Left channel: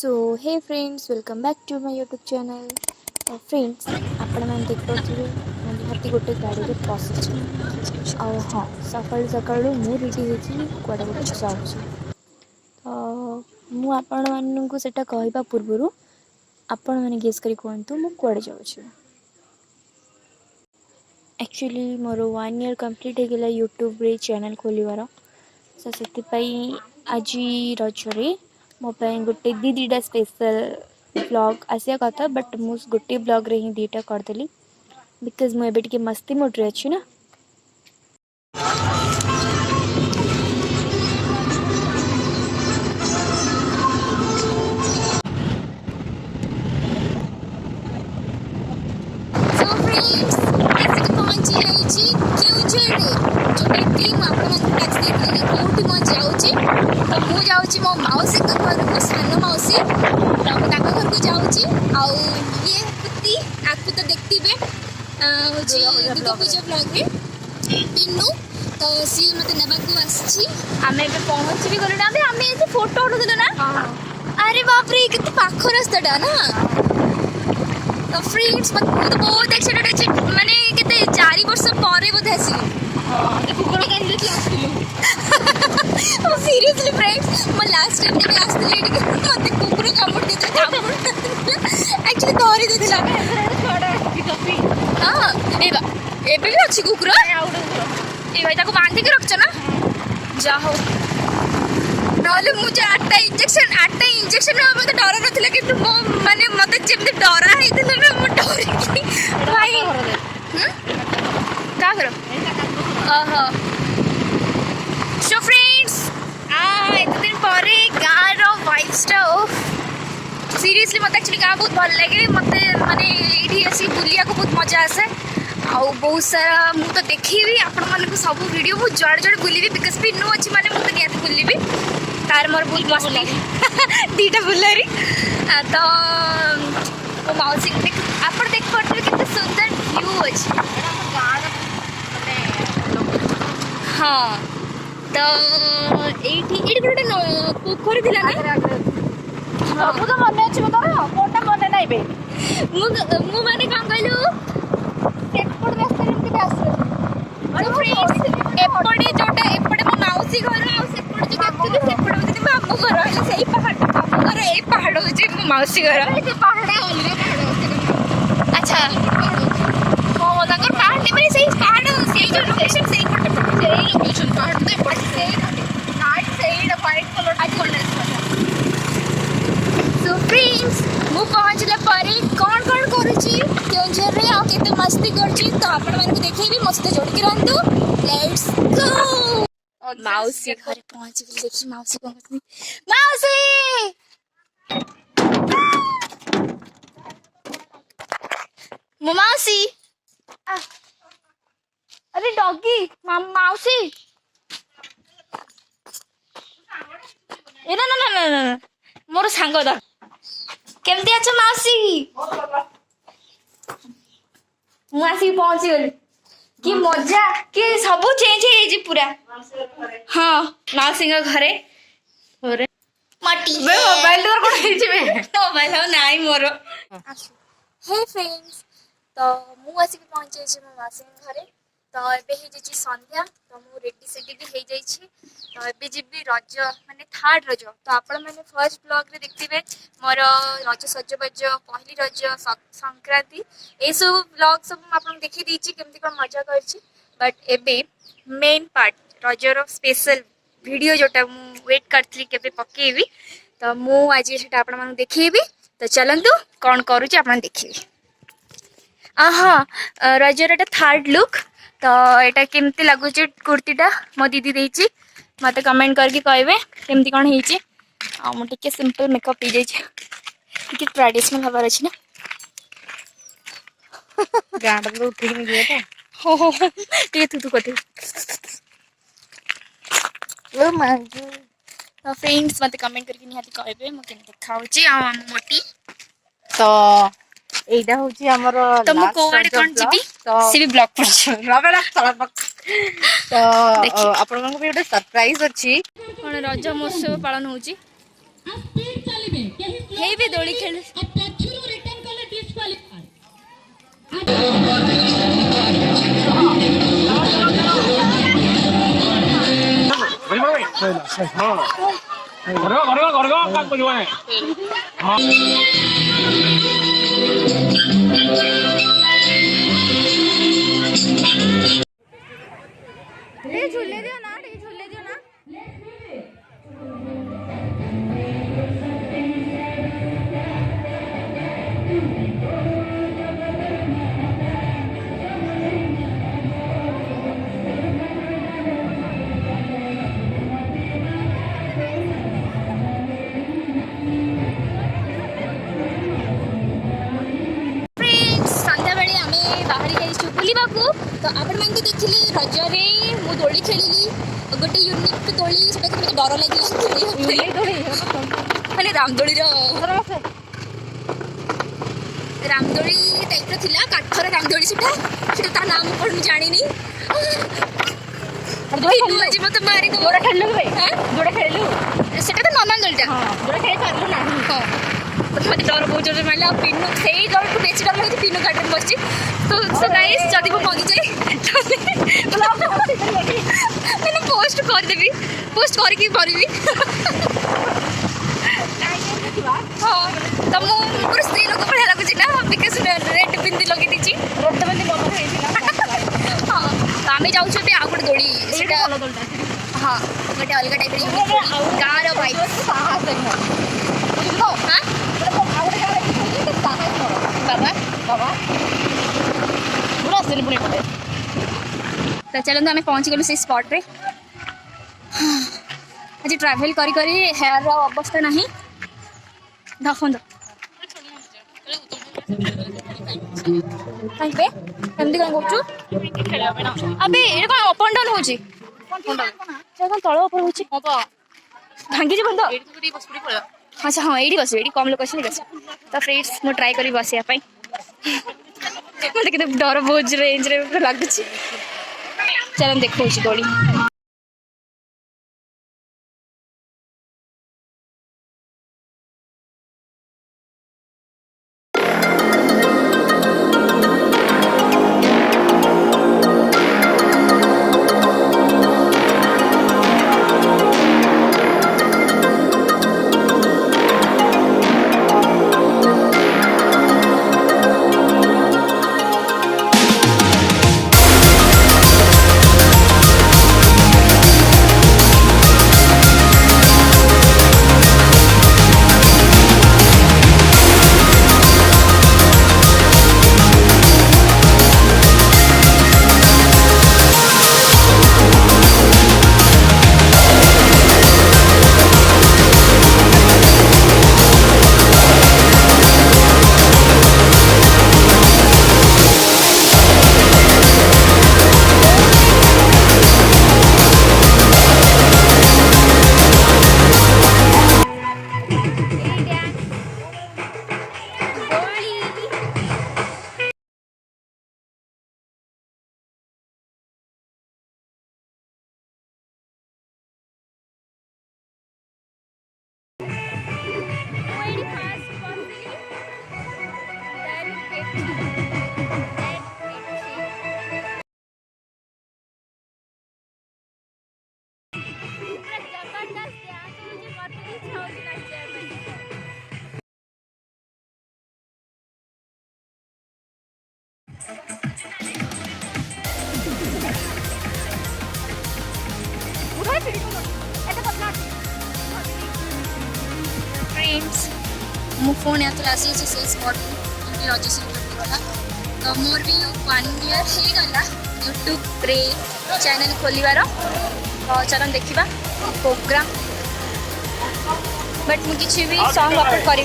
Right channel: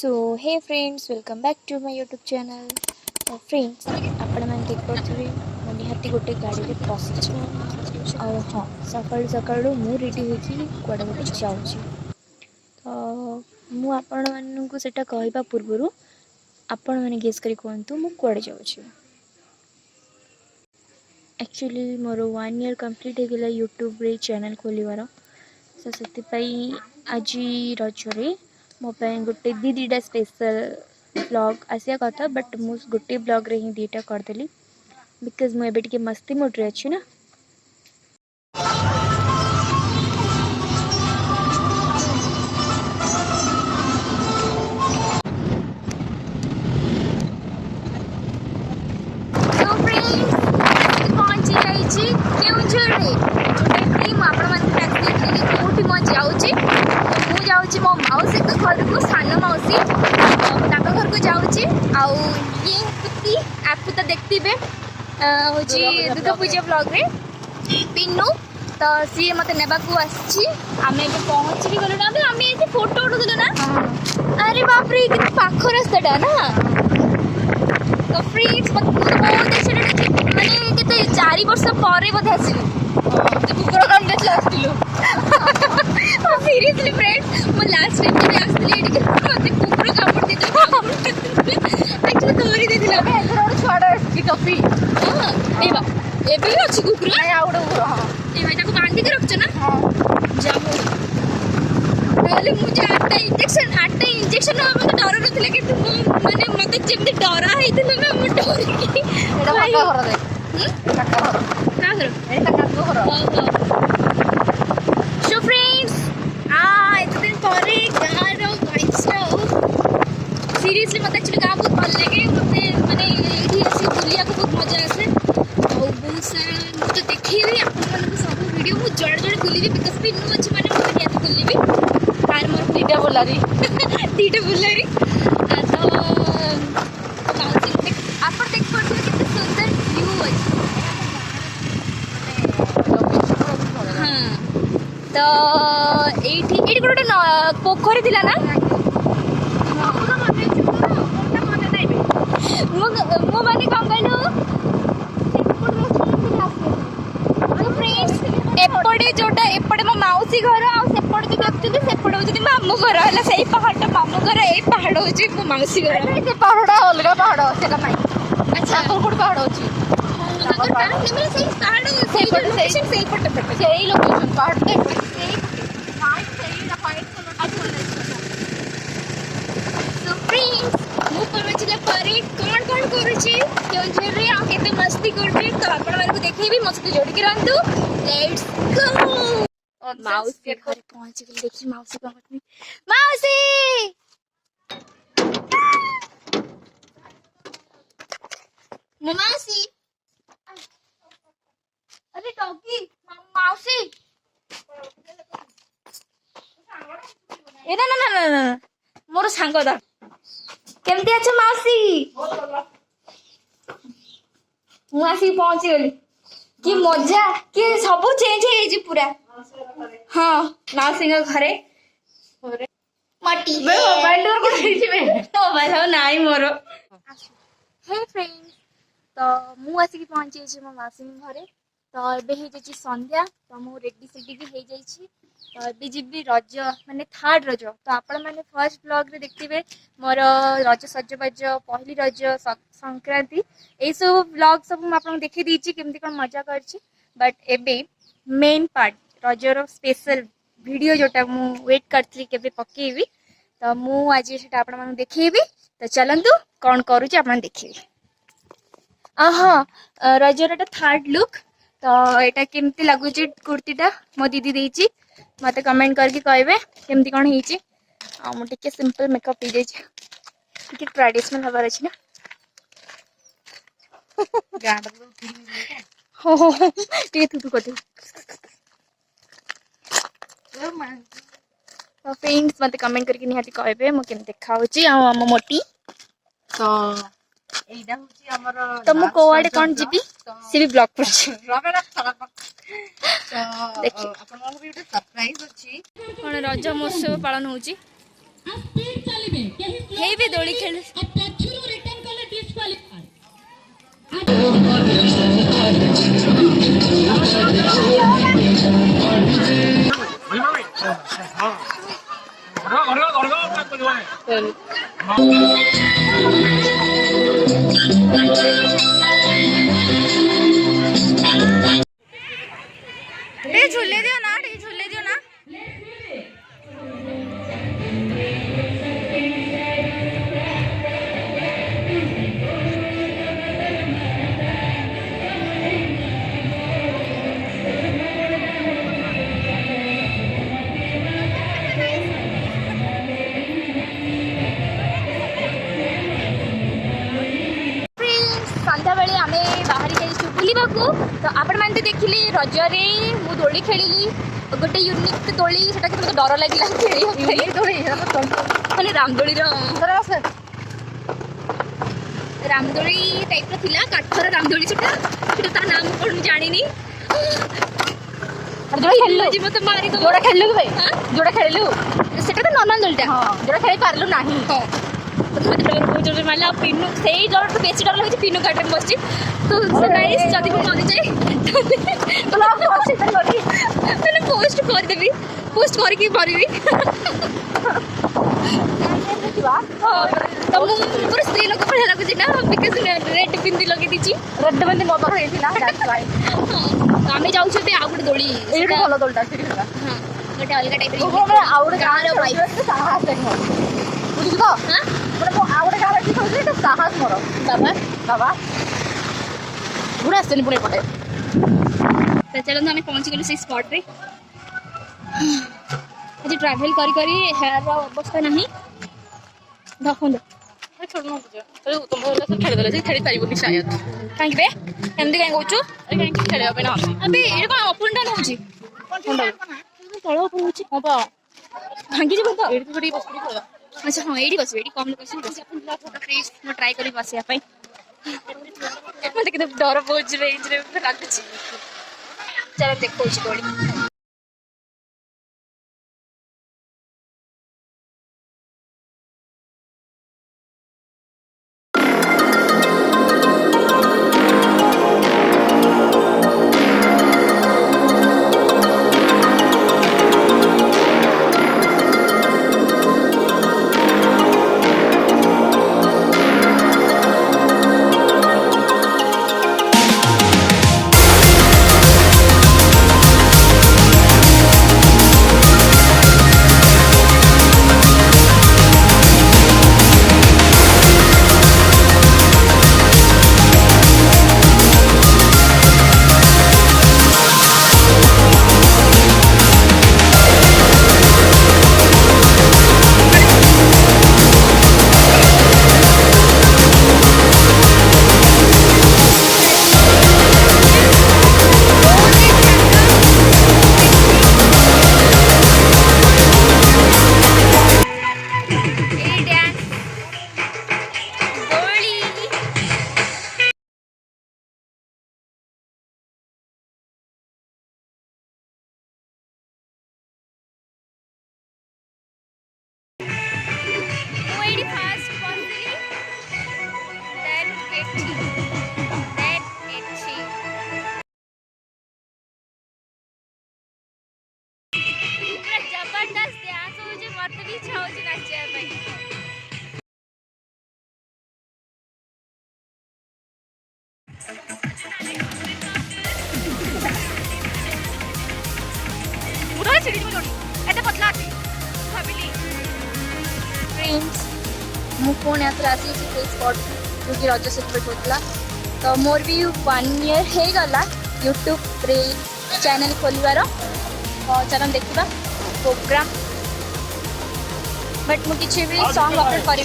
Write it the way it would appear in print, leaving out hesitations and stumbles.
So hey friends welcome back to my YouTube channel. तो friends आपण मैंने देख पारे मैं निहाती गोटे गाड़ी में बस हाँ सकालू सकालू मु रेडी होती कड़े गोटे जाऊँगी। तो मुझे कहवा पूर्वर आपण मैंने गेस करी कहतु मु कड़े जाऊँगी। एक्चुअली मोर 1 ईयर कंप्लीट हो यूट्यूब रे चैनल खोलिवार सो से आज रजरे मो गोटे दीटा स्पेशल ब्लॉग आसिया कथा बट मु गोटे ब्लॉग रे ही दीटा करदेली बिकज मुझे मस्ती मोड्रे अच्छी ना। मो मौसी घर को सान मौसी तो घर को जाऊँगी आपको तो देखते हूँ दुर्गा पूजा ब्लॉग रे पिन्नू तो सी मत नेबाकू आसी आमे पहुँच भी गलु ना आमे ये फोटो उठुलु ना। अरे बाप रे कितने पाख रास्ताटा ना। तो फ्रेंड्स मत बहुत एक्साइटेड अच्छी माने केते 4 वर्ष पर बोधे आसली कुकुर कान आसलु सीरियसली फ्रेंड्स मो लास्ट टाइम जब आसली मत कुकुर कामुड़ देते एक्चुअली धरी देथिला छुआडा टॉपी हां एबे भी अच्छी कुकुर ए भाई ताको बांधी के रखछ ना जा हो नले मुझे 8टा इंजेक्शन मत डर नथिला कि तुम माने मते जेमते डरा हेतिला ना मो डर की भाई का करो ओहो सो फ्रेंड्स इतने दिन पर गाँव रो वाइब्सटा सीरियसली मत एक्चुअली गाँव बहुत भल लगे मत माने ये आसी बुलिया को बहुत मजा आसे आउ बहुत सारा मु तो देखी आपण मानक सब वीडियो मु जड़ जड़ बुलबी बिकज पिन्नू अच्छी माने मत नियात बुलबी तार मोर बुलबी दीटा बुलारी तो मौसी आपण देख पड़ले कितने सुंदर व्यू अछि हाँ तो एठी गोटे पोखरी थिला ना सब तो मन अछि मोर कोनटा मन नाही बे मु माने काम कहलु एपड़ रेस्टोरेंट के आसे तो फ्रेंड्स एपड़े जोटा एपड़े मो मौसी घर आ सेपड़ जो देखथि सेपड़ होछि मामू घर हला सेही पहाड़ मामू घर ए पहाड़ होछि मो मौसी घर से पहाड़ अलगा पहाड़ से कमाई अच्छा कोन पहाड़ होछि हां नगर पहाड़ नहीं मेरे सही पहाड़ सही जो लोकेशन सही पड़ते सही लोकेशन पहाड़ तो एपड़ सही नाइट सही व्हाइट कलर आज सो फ्रेंड्स मु पहुंचले परे कौन कौन करूची केउंझर रे आ केते मस्ती करची तो आपण माने को देखिबी मो सहित जोड़ी के रहंतु लेट्स गो। मौसी घर पहुंच गई देखी मौसी को मौसी मौसी अरे डॉगी मौसी ए ना ना ना ना मोर सांग दा केमती अच्छा मौसी मु आसी पहुंची गली कि मजा कि सब चेंज हो पूरा हाँ मौसी घरे मोबाइल मोबाइल हाँ नाई मोर हे फ्रेंड्स तो मु आसिक पहुंची मो मौसी घरे तो एबे हो जाइए संध्या तो मु रेडी सेडी भी हो जाइए तो एबे जीवी रज माने थर्ड रज तो आपण मैंने फर्स्ट ब्लॉग रे देखते मोर रज सजबाज पहली रज संक्रांति ये सब ब्लॉग सब मुझे देखी देती केमती कौन मजा कर बट एबे main part Roger special video जोटा मु वेट करती के पकेबी तो मु आज से देखेबी तो चलतु कौन करुच्ची आप देखिए हाँ रजर एटा थर्ड लुक तो यहाँ केमती लगुच कुर्तीटा मो दीदी देती मत कमेंट करके कहे केमती कौन हो मुझे सिंपल मेकअप हो जाए ट्रेडिशनल हबार अच्छी ना हो हो थू कथे तो फ्रेंड्स मत कमेंट करके निहाती कहे मुझे देखा मोटी तो एटा होची हमर तो मु कोआडे कोन जीबी सी भी ब्लॉक पर तो आपण मन भी गोटे सरप्राइज अछि कोन रज महोत्सव पालन होची हे भी दोली खेल झूले दियो ना झूले दियो ना संध्या बेले आम बाहर जाइए बुलवा तो आपण मैंने देखिली रजरे मु दोली खेली गोटे यूनिक दोली से डर लगे मैंने रामदोली रामदोली टाइप रा काठर रामदोली से नाम कौन जानी मत मारी जोड़ा खेलु जोड़ा खेलु से नॉर्मल दोलटा जोड़ा खेल पार्लु ना मत डर बहुत जोर मारे पिनु से डर बेसी डर लगे पिनु गाड़ी में बस तो गाइस जदि मु मरी जाए मैंने पोस्ट कर देबी पोस्ट करके मरबी तो मु पूरा स्त्री लोक बढ़िया लगुच ना बिकज रेड बिंदी लगे दीची रेड बिंदी मत हां तो आमे जाऊ छे आ गुटे दोली सेटा भलो दोलटा हां गोटे अलग टाइप रे गाँ रो वाइब साहस नहीं बुझी तो हां मतलब आ गुटे गाँ रे कि तो साहस मोर बाबा बाबा पूरा से पुणे पड़े तो चलो आम पहुँची गलु से स्पॉट रे आज ट्रैवल करी करी हेयर रो अवस्था नहीं धफंद कहीं बे एमती कहीं कहूँ अबे ये कौन अप एंड डाउन होची तल ऊपर होची भांगी जी बंद अच्छा हाँ ये बस ये कम लोग अच्छे तो फ्रेंड्स मु ट्राई करी बसिया मत डर बहुत रेंज रे लगुच चल देखो दोली फ्रेंड्स मु फोन यहाँ आसी से स्पॉट जो कि रज सेलिब्रेट होता तो मोर भी 1 ईयर हो गला यूट्यूब रे चैनल खोलिबार तो चलन देखा प्रोग्राम बट मुझे भी सॉन्ग अपलोड करी